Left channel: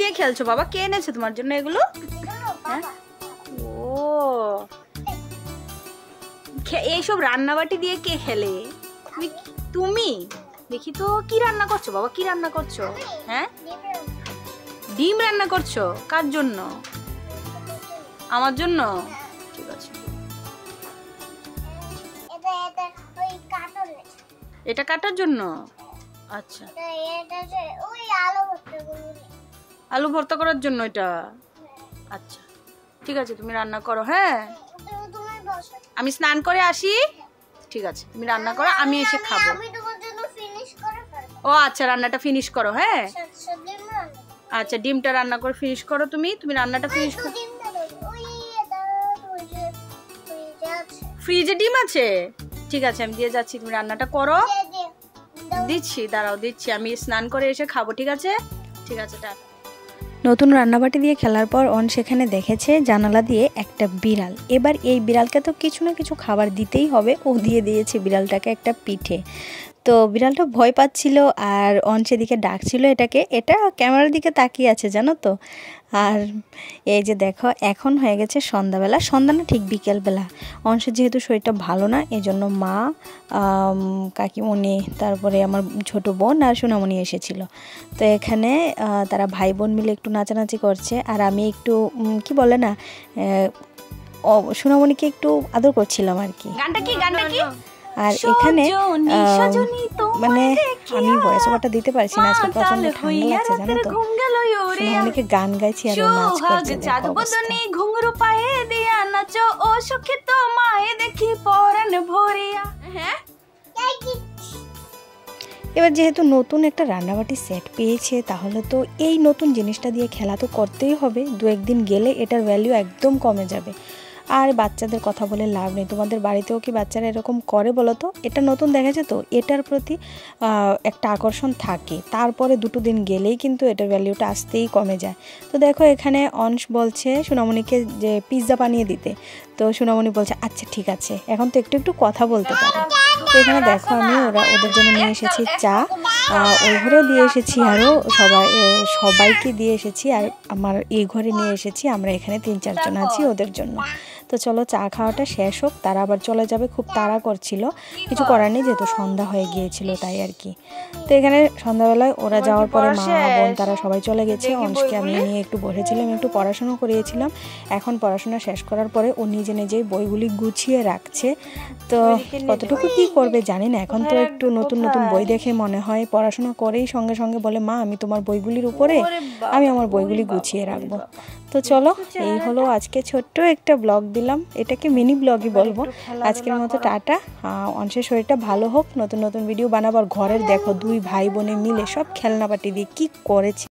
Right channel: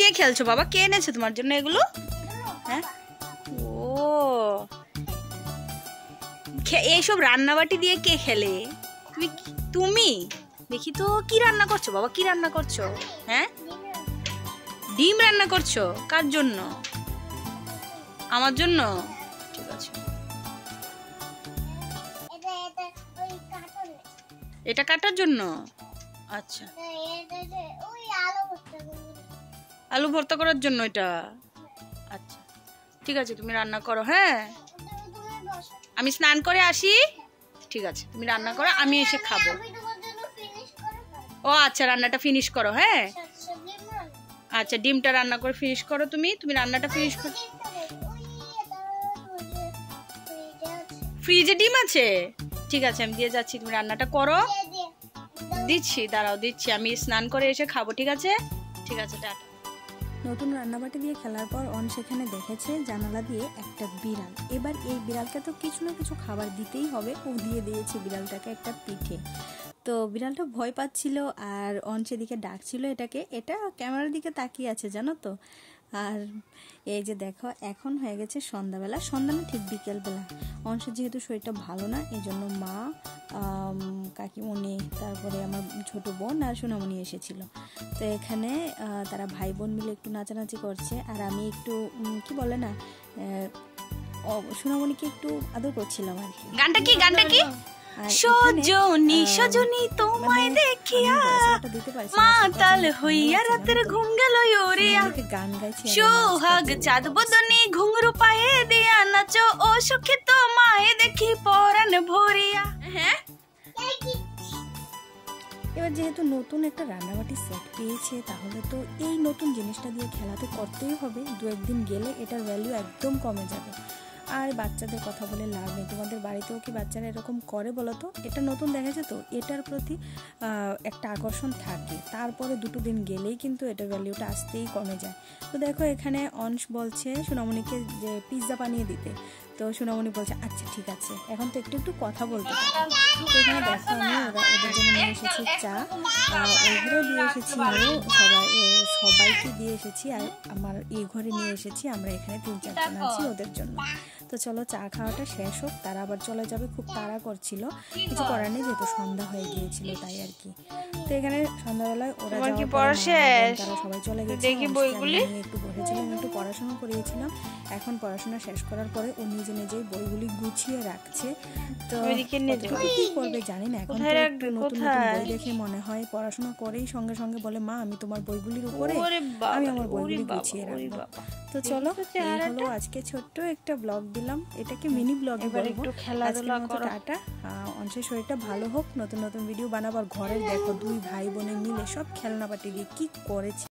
দিয়ে খেলছো বাবা? কে এনেছে তোমার জন্য এগুলো? হ্যাঁ, ও এইসব রান্নাবাটি দিয়ে কে খেলে? তুমি দেখি তো কি রান্না করছো বাবা? কি রান্না করছো? হ্যাঁ, ডিম রান্না করছো? কার জন্য? আমার জন্য? এটা কাটার জন্য? আচ্ছা, আলু ভর্তা করার জন্য এটা। আচ্ছা ঠিক আছে, তুমি রান্না করো। হ্যাঁ, আমি স্নান করে আসি। ঠিক আছে, তুমি রান্না করো, আমি এসে খাবো। ও আচ্ছা, রান্নাটা ফিনিশ করো। হ্যাঁ আচ্ছা, ডিমটা রান্না করে ফিনিশ করো। তুমি রান্নাটা ফিনিশ করো। ফ্রিজে ডিম আছে? ঠিক আছে, আমি দিয়ে যাচ্ছি, তুমি রান্নাটা করো। দিচ্ছি, দাঁড়াও দিচ্ছি, আমি স্নান করে এসে খাবো। ঠিক আছে ঠিক আছে, টাটা। নতুন রান্নাবাটি দিয়ে খেলার পর অন সেখানে দেখেছে জানালা দিয়ে একটা বিড়াল। এবার এই বিড়ালকে তো কিছু না কিছু খাবার দিতেই হবে। ও দিয়ে দিয়েছে বিড়ালটাকে একটা পিঠে। তো বিড়ালটা ভয় পাচ্ছিল আর অন সেদিকে ডাকছিল এটাকে। এটা ক্যামেরার দিকে তাকিয়ে আছে জানো তো। আর এই যে দেখো, এখন হয়ে গেছে সন্ধ্যাবেলা। সন্ধ্যা না, ঠিক বিকেলবেলা। অংশের যেহেতু শরীরটা ভালো না, এই জন্য মা, কাকিমণি, তারপরে আমার ছোট বোন আর সোনামণি এসেছিল। তো এখানে তারা ভাই বোন মিলে একটু নাচানাচি করছে। আর আমি একটু কি বলে না, সোনামণিকে একটু আদর করছিলাম আর কি। আর এখানে মানে আমি ভয়েস ওভারটা দিতে পারছি না, আজকে প্রচন্ড ঠান্ডা লাগছে জানো তো। সোনামণিকে গান গাইছি আর নাচ করছে। এবার যেহেতু নতুন একটা রান্নাবাটি সেট পেয়েছে, তাহলে তো এই নতুন জিনিসটা দিয়ে খেলা তো করতেই হবে। দু একদিন গেলে এটার ভ্যালু একদম কমে যাবে। আর বাচ্চাদের কথা বলে লাভ নেই। তোমাদের বাড়িতেও কি বাচ্চারা এরকম করে বলো তো? এটা নতুন দেখেছে তো, এটার প্রতি একটা আকর্ষণ থাকে। তারপরে দুটো দিন গেলেই কিন্তু এটার ভ্যালুটা আসতেই কমে যায়। তো দেখো, এখানে অংশ বলছে সোনামণিকে যে পিৎজা বানিয়ে দিতে। তো সোনামণি বলছে আচ্ছা ঠিক আছে, এখন তো একটু একটু কথা বলতে পারো। তো এখানে দেখো, আমি ওদের জন্য নিয়ে এসেছি চা, ওই ঘরেও দিয়ে এসেছি, আরও সবাইকে দিয়ে এসেছি। আর আমার এই ঘরে নিয়ে এসেছি, আমরা এখানে 3-4 জন আছি ওদের জন্য। তো চলো চা খাওয়াটা শেষ হোক, তারা আবার চলে যাবে। খুব তাড়া করছিল, কিছু করার নেই, যেহেতু সন্ধ্যা হয়ে গিয়েছিল তাই আর কি। তো এখানে সন্ধ্যাবেলায় ওরা যাওয়ার পরে মা বোন তারা সবাই চলে গেছে। অংশকে আমি নিয়ে একটু বসেছিলাম, একটু পড়াশোনা করিয়েছিলাম। এখন পড়াশোনা শেষ করার পরে ও নিজে নিজেই বইগুলি গুছিয়ে রাখছে। তো কতটুকু কি করবে জানি না। এখন তো একটু নতুন নতুন বই দেখে মনে হয় পড়াশোনা করেই সঙ্গে সঙ্গে বলে মা আমি তোমার বইগুলির উপরে আমি আমার বইগুলি গুছিয়ে রাখবো। তো চলো, এই হলো আজকে ছোট্ট একটা ব্লগ দিলাম, এটাকে মিনি ব্লগই বলবো। আজকের মতো টাটা। অংশের শরীরটা ভালো হোক, নতুন নতুন ভিডিও বানাবার। ঘরের দেখো 2 ভাই বোনে মিলে সব খেলনাপাতি দিয়ে কি করেছে।